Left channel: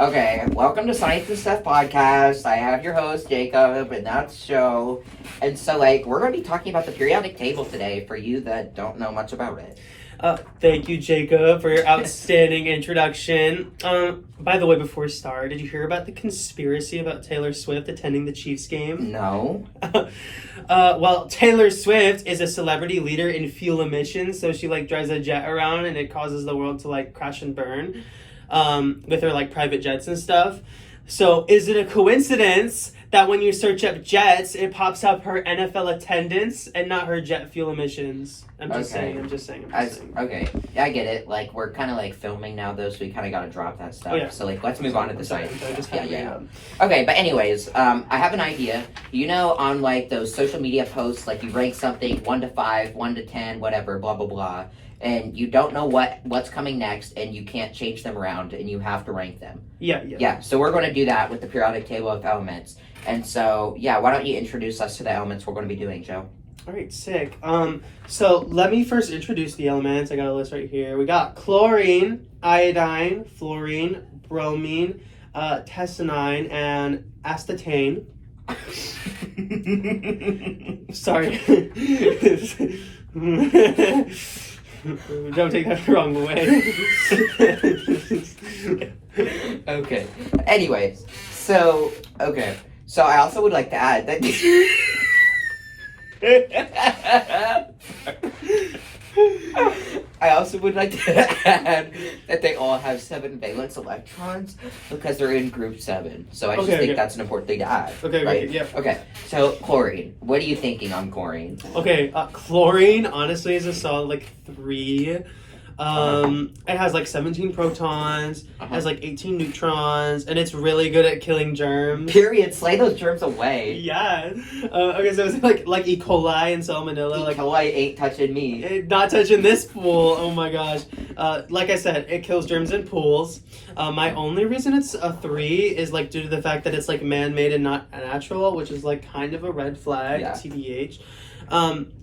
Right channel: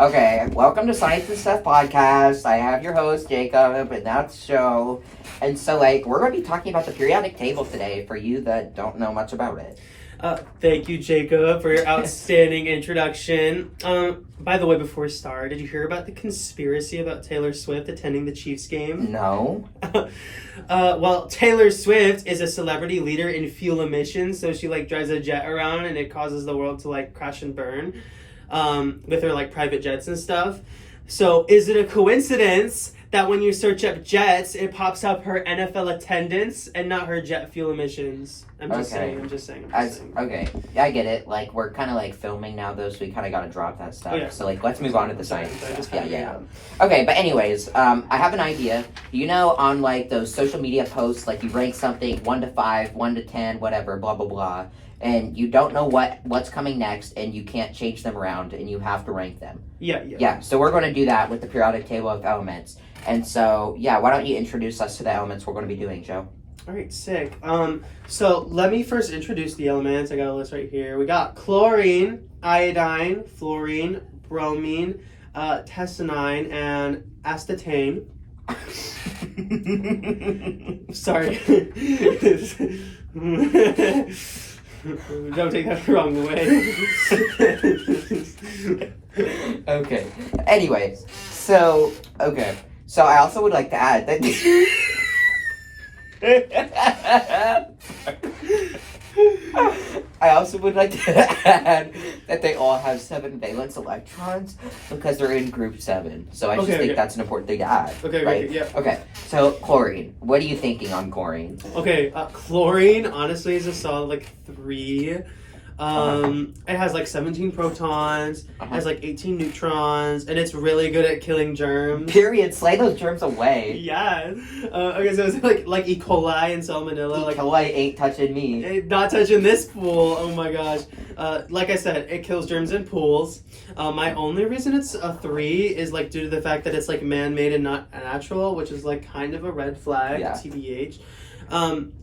Okay, welcome to Science and Stuff Podcast. I have your host, Jacob, and that's Joe. And so, we're going to be talking about the periodic table today for you that don't know much about it. Thank you, Jacob, for your outstanding introduction. By the way, before we start, did you hear about the conspiracy about Taylor Swift attending the Chiefs game? No. Well, Taylor Swift is a celebrity leader in fuel emissions, so she drives a jet around and it causes the world to crash and burn with her private jets and stuff. So is it a coincidence that when you search up jets, it pops up her NFL attendance and not her jet fuel emissions? I'm just saying. Okay, yeah, I get it. We're kind of filming now, though, so we kind of got to drop that stuff. Oh, yeah. So, let's move on to the site. Yeah. Okay, but anyways, I have an idea. You know, on, those social media posts, you rank something 1 to 5, 1 to 10, whatever, blah, blah, blah, and you don't know what's coming next, and you can't change them around, and you have to rank them. Yeah, so we're going to do that with the periodic table of elements. And so, why don't you introduce us to the elements we're going to be doing, Joe? All right, sick. So let me first introduce the elements. I got a list right here. We got chlorine, iodine, fluorine, bromine, tessenine, and astatane. Sorry. Don't take that the wrong way. Okay. Anyways, so I also would like to add that I also would like to add that they all have 7 valence electrons because they're in group 7. So I just think that's an important thing to add. Okay, right? Yeah. Okay, so chlorine. What are you thinking on chlorine? Okay, chlorine honestly is a solid 3. It has 17 protons, has 18 neutrons, and it's really good at killing germs. Period. Slay those germs away. Yeah. Okay, so it's like E. coli and salmonella. E. coli ain't touching me. Not touching this pool. Oh my gosh. Like I said, it kills germs in pools. My only reason it's a 3 is due to the fact that it's man-made and not natural, which is kind of a red flag. Yeah. TBH.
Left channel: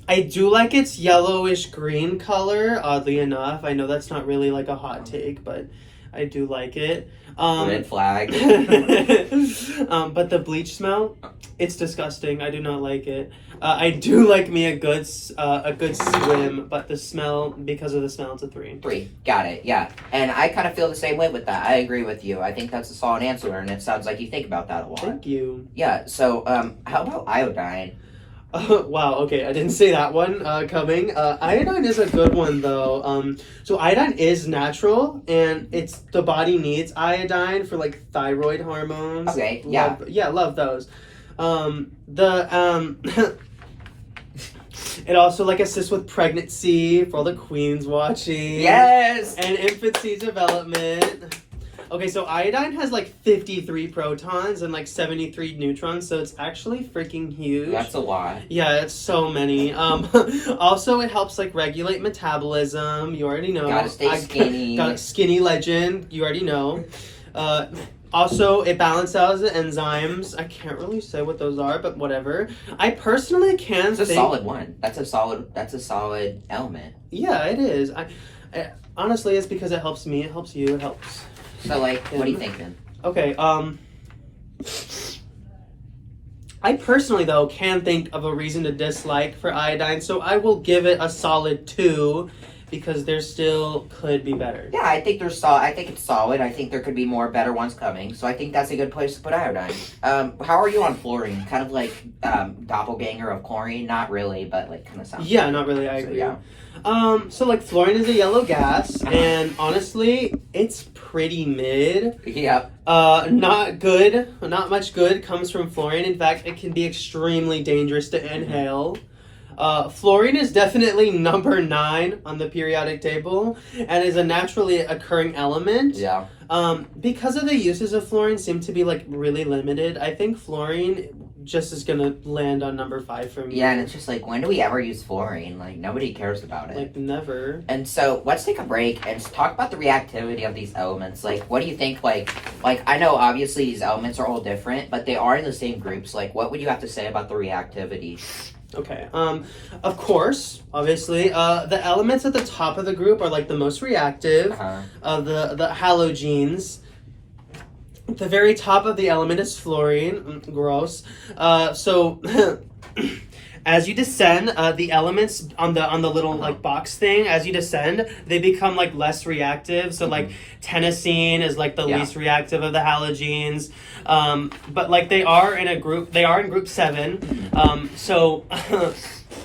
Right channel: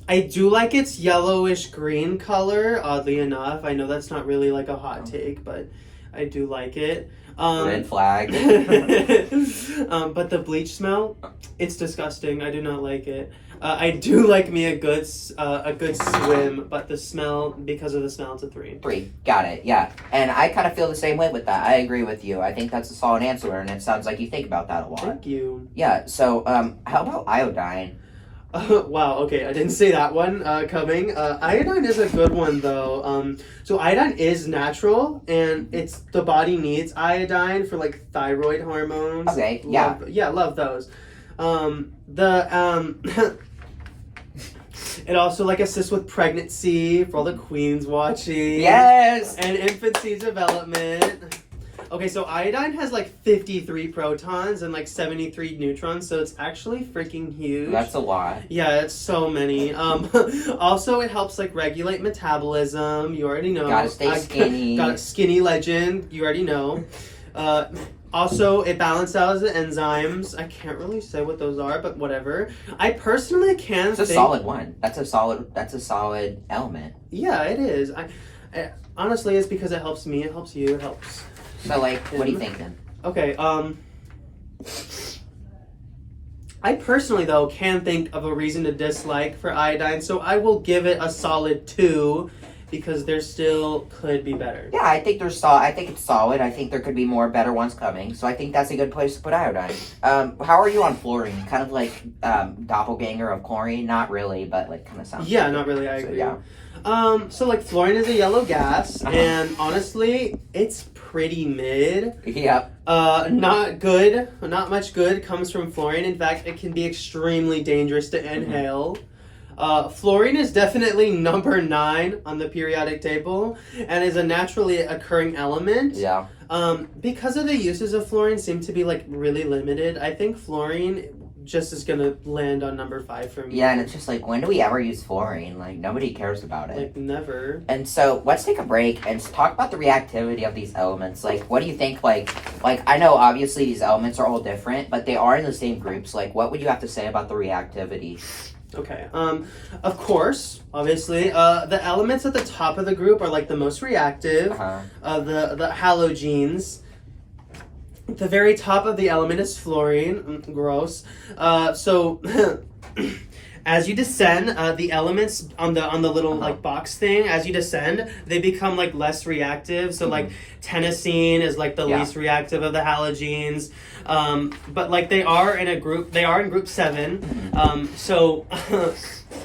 I do like its yellowish green color, oddly enough. I know that's not really a hot take, but I do like it. Red flag. But the bleach smell, it's disgusting. I do not like it. I do like me a good swim, but the smell, because of the smell, it's a 3. 3. Got it. Yeah. And I kind of feel the same way with that. I agree with you. I think that's a solid answer, and it sounds like you think about that a lot. Thank you. Yeah. So, how about iodine? Wow, okay, I didn't see that one coming. Iodine is a good one, though. So iodine is natural, and the body needs iodine for, thyroid hormones. Okay, yeah. Love those. It also, assists with pregnancy, for all the queens watching. Yes! And infancy development. Okay, so iodine has 53 protons and 73 neutrons, so it's actually freaking huge. That's a lot. Yeah, it's so many. Also, it helps regulate metabolism. You already know. Gotta stay skinny. Got a skinny legend. You already know. Also, it balances out the enzymes. I can't really say what those are, but whatever. I personally can't. It's a solid one. That's a solid element. Yeah, it is. I honestly, it's because it helps me. It helps you. It helps. So, what do you think then? Okay, I personally, though, can think of a reason to dislike for iodine, so I will give it a solid 2, because there still could be better. Yeah, I think I think it's solid. I think there could be more better ones coming, so I think that's a good place to put iodine. How are you on fluorine? Kind of doppelganger of chlorine? Not really, but kind of sounds. Yeah, not really, I agree. Yeah. So fluorine is a yellow gas, and honestly, it's pretty mid. Yep. Not good. Not much good comes from fluorine. In fact, it can be extremely dangerous to inhale. Fluorine is definitely number 9 on the periodic table and is a naturally occurring element. Yeah. Because of the uses of fluorine seem to be really limited, I think fluorine just is gonna land on number 5 for me. Yeah, and it's just when do we ever use fluorine? Nobody cares about it. Never. And so let's take a break and talk about the reactivity of these elements. What do you think? I know obviously these elements are all different, but they are in the same groups. What would you have to say about the reactivity? Okay. Of course, obviously, the elements at the top of the group are the most reactive. The halogens. the very top of the element is fluorine. Gross. So as you descend, the elements on the little like box thing, as you descend, they become like less reactive. So like tennessine is like the least reactive of the halogenes. But like they are in group 7. So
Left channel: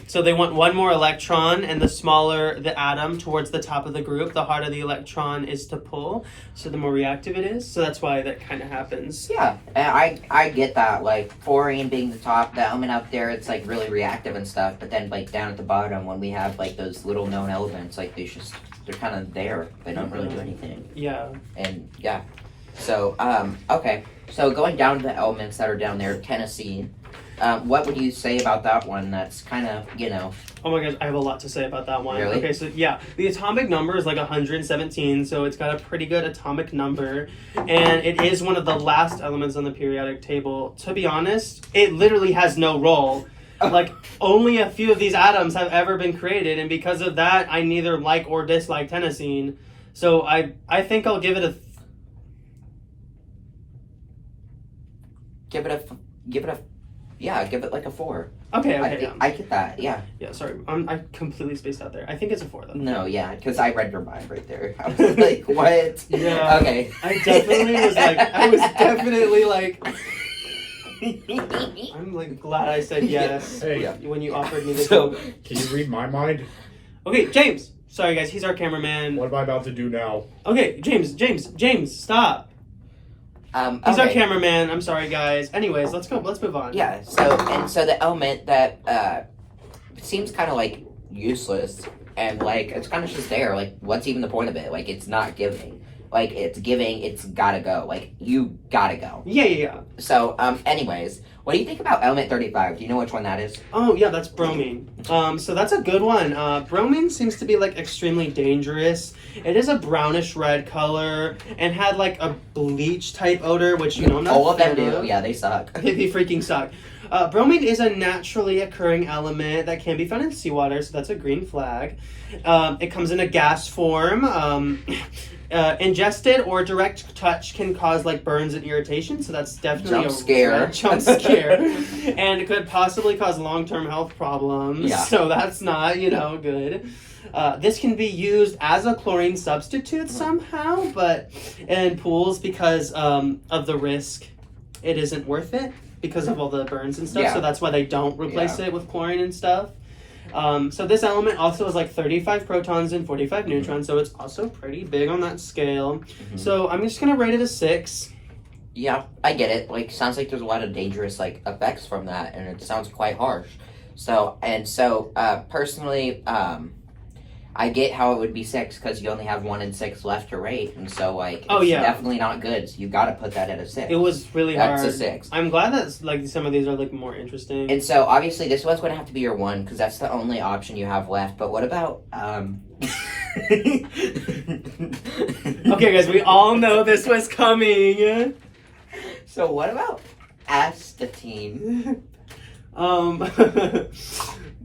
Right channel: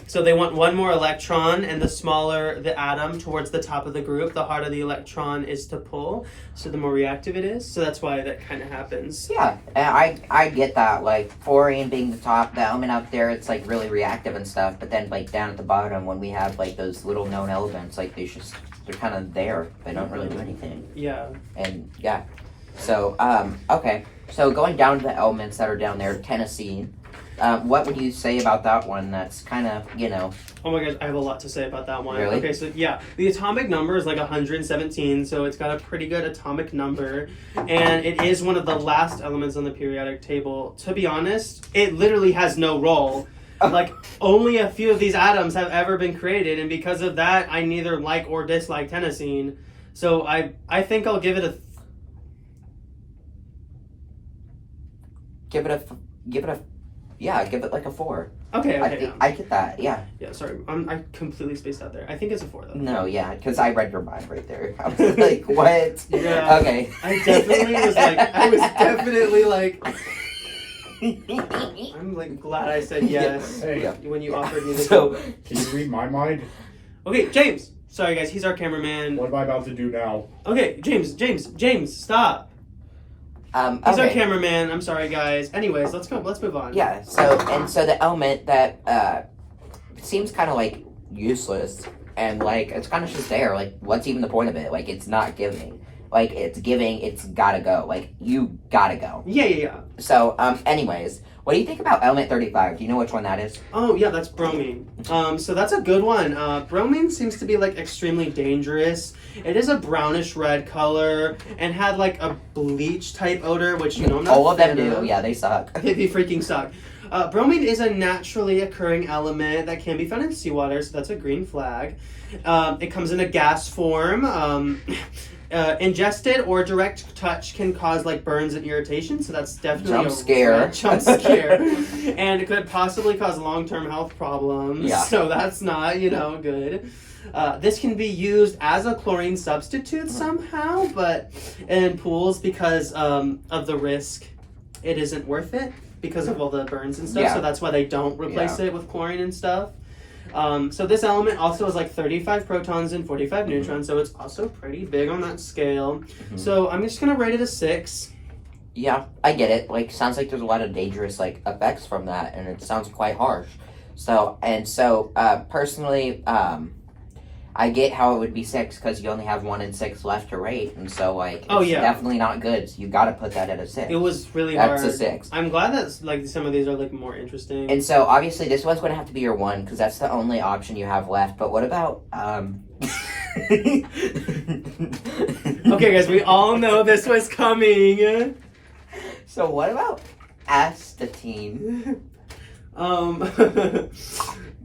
so they want one more electron, and the smaller the atom towards the top of the group, the harder the electron is to pull. So the more reactive it is. So that's why that kind of happens. Yeah, and I get that. Like fluorine being the top, the element up there, it's like really reactive and stuff. But then like down at the bottom, when we have like those little known elements, like they're kind of there. They don't really do anything. Yeah. And yeah, so okay. So going down to the elements that are down there, tennessine. What would you say about that one? That's kind of, Oh my gosh, I have a lot to say about that one. Really? Okay, so yeah, the atomic number is like 117, so it's got a pretty good atomic number, and it is one of the last elements on the periodic table. To be honest, it literally has no role. Like, only a few of these atoms have ever been created, and because of that, I neither like or dislike tennessine. So I think I'll give it a... Give it like a 4. Okay, yeah. I get that, yeah. Yeah, sorry, I completely spaced out there. I think it's a 4, though. No, yeah, because I read your mind right there. I was like, what? Yeah. Okay. I was definitely like... I'm like glad I said yes Hey. when you offered me this. So, Can you read my mind? Okay, James. Sorry, guys. He's our cameraman. What am I about to do now? Okay, James, stop. He's our okay. cameraman. I'm sorry, guys. Anyways, let's go. Let's move on. Yeah, so the element that seems kind of like useless and like it's kind of just there. Like, what's even the point of it? Like, it's not giving. Like, it's giving. It's gotta go. Like, you gotta go. Yeah. So, anyways, what do you think about element 35? Do you know which one that is? Oh yeah, that's bromine. So that's a good one. Bromine seems to be like extremely dangerous. It is a brownish red color and had like a bleach type odor, which All of them do. Yeah, they suck. They freaking suck. Bromine is a naturally occurring element that can be found in seawater, so that's a green flag. It comes in a gas form. Ingested or direct touch can cause like burns and irritation, so that's definitely jump scare. And it could possibly cause long-term health problems. Yeah. So that's not, good. This can be used as a chlorine substitute somehow, but in pools because of the risk, it isn't worth it because of all the burns and stuff. Yeah. So that's why they don't replace it with chlorine and stuff. So this element also has like 35 protons and 45 neutrons, so it's also pretty big on that scale. So I'm just gonna rate it a 6. Yeah, I get it. Like, sounds like there's a lot of dangerous like effects from that, and it sounds quite harsh. So personally, I get how it would be 6 because you only have 1 and 6 left to rate, and so like it's definitely not good. So you got to put that at a 6. It was really That's hard. a 6. I'm glad that like some of these are like more interesting. And so obviously this one's going to have to be your 1 because that's the only option you have left. But what about Okay, guys, we all know this was coming. So what about astatine?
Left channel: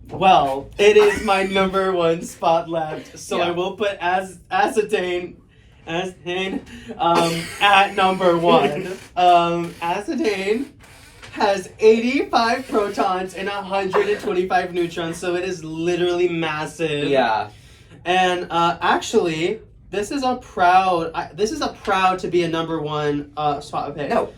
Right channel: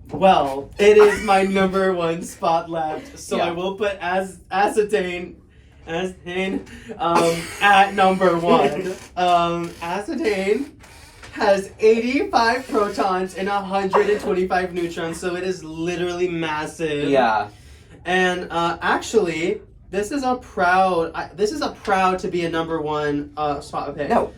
Well, it is my number 1 spot left, so Yeah. I will put acetane at number 1. Acetane has 85 protons and 125 neutrons, so it is literally massive. Yeah. And actually, this is a proud to be a number 1 spot pick. No.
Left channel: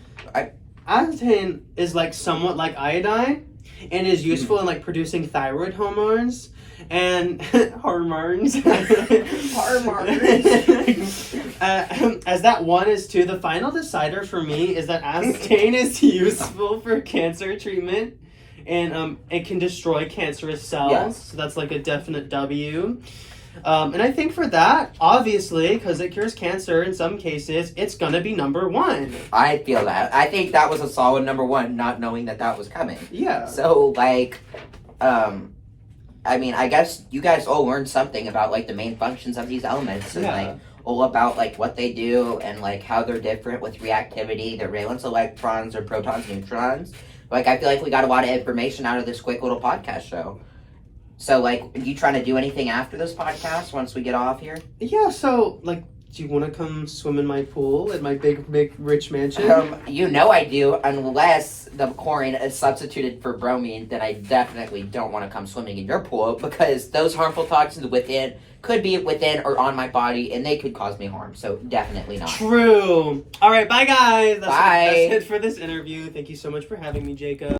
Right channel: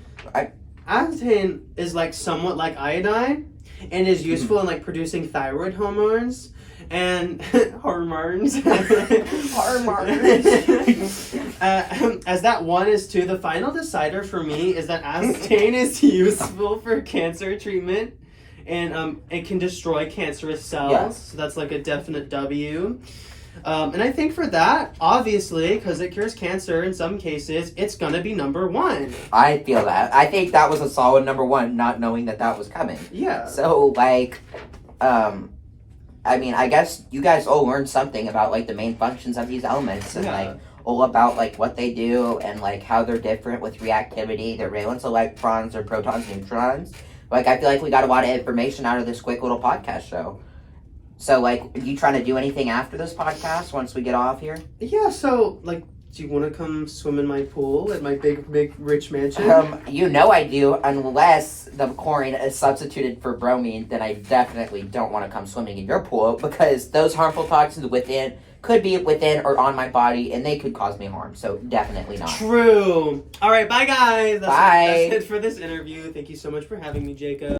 Acetane is like somewhat like iodine and is useful in like producing thyroid hormones and hormones. As that 1 is 2, the final decider for me is that acetane is useful for cancer treatment and it can destroy cancerous cells. Yeah. So that's like a definite W. And I think for that, obviously, because it cures cancer in some cases, it's gonna be number 1. I feel that. I think that was a solid number 1, not knowing that was coming. Yeah. So, like, I mean, I guess you guys all learned something about, like, the main functions of these elements and, like, all about, like, what they do and, like, how they're different with reactivity, their valence electrons, or protons, neutrons. Like, I feel like we got a lot of information out of this quick little podcast show. So, like, are you trying to do anything after this podcast once we get off here? Yeah, so, like, Do you want to come swim in my pool at my big rich mansion? You know I do, unless the chlorine is substituted for bromine, then I definitely don't want to come swimming in your pool because those harmful toxins could be within or on my body and they could cause me harm. So definitely not. True. All right, bye guys. Bye. That's it for this interview. Thank you so much for having me, Jacob.